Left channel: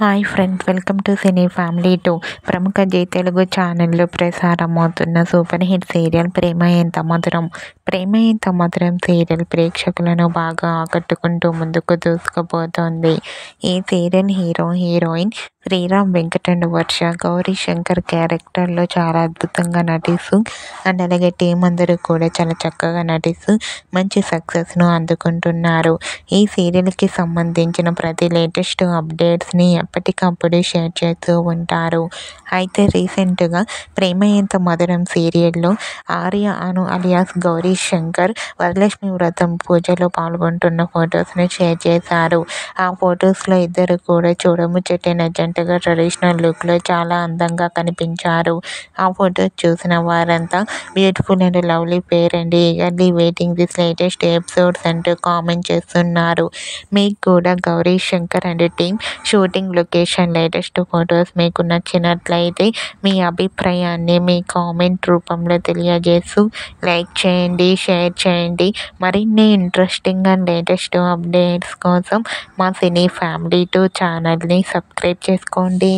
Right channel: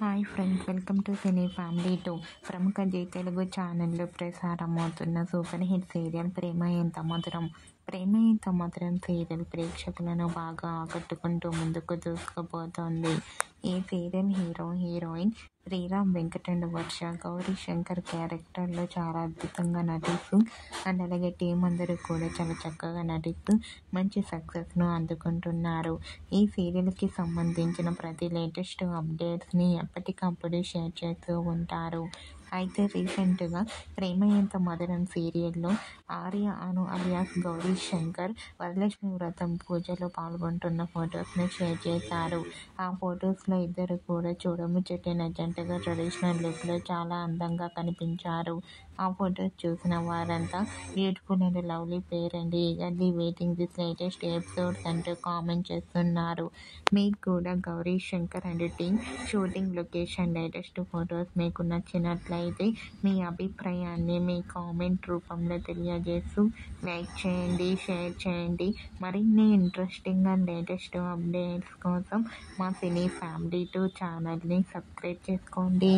Hi friends, welcome to cine family 2. ప్రముఖ G Telugu ఛానల్లో ప్రసారమవుతున్న super hit serial ప్రేమ ఎంత మధురం. ప్రేమ ఎంత మధురం సీరియల్ ప్రేక్షకులను బాగా ఆకట్టుకుంటూ ముందుకు దూసుకుపోతోంది. ఈ serial heroine Sriram Venkat and Varsha Gauri Shankar క్యారెక్టర్లో చాలా అద్భుతంగా నటిస్తూ అండ్ అలాగే టీం అందరూ కూడా చాలా చక్కగా నటిస్తూ మంచి సక్సెస్ను అందుకుంటున్నారు. ఈ సీరియల్కి సంబంధించిన ప్రతి లేటెస్ట్ అప్డేట్స్ని ఎప్పటికప్పుడు షేర్ చేస్తూ ఉంటారు. అయితే రీసెంట్గా ప్రేమ ఎంత మధురం సీరియల్లో ఆర్య అను అలియాస్ గౌరీ శంకర్ వరలక్ష్మి వ్రతం పూజలో పాల్గొంటున్న ఫొటోస్ని షేర్ చేశారు. ఆ ఫొటోస్లో ఇద్దరు కూడా చూడముచ్చటైన జంటగా ట్రెడిషనల్ లుక్లో చాలా అందంగా కనిపించారు. ఆ ఫొటోస్ చూసిన వారంతా beautiful and lovely pair and eagerly waiting this latest episodes అంటూ కామెంట్ చేస్తున్నారు. మీకు కూడా Gauri Shankar and team shooting location latest photos మీకు నచ్చినట్లయితే మీ అభిప్రాయాన్ని మీ కామెంట్ రూపంలో తెలియజేస్తూ లైక్ చేయండి, షేర్ చేయండి. మరిన్ని ఇంట్రెస్టింగ్ అండ్ లేటెస్ట్ అప్డేట్స్ కోసం మా సినీ ఫ్యామిలీ 2 ఛానల్ని సబ్స్క్రైబ్ చేసుకోండి.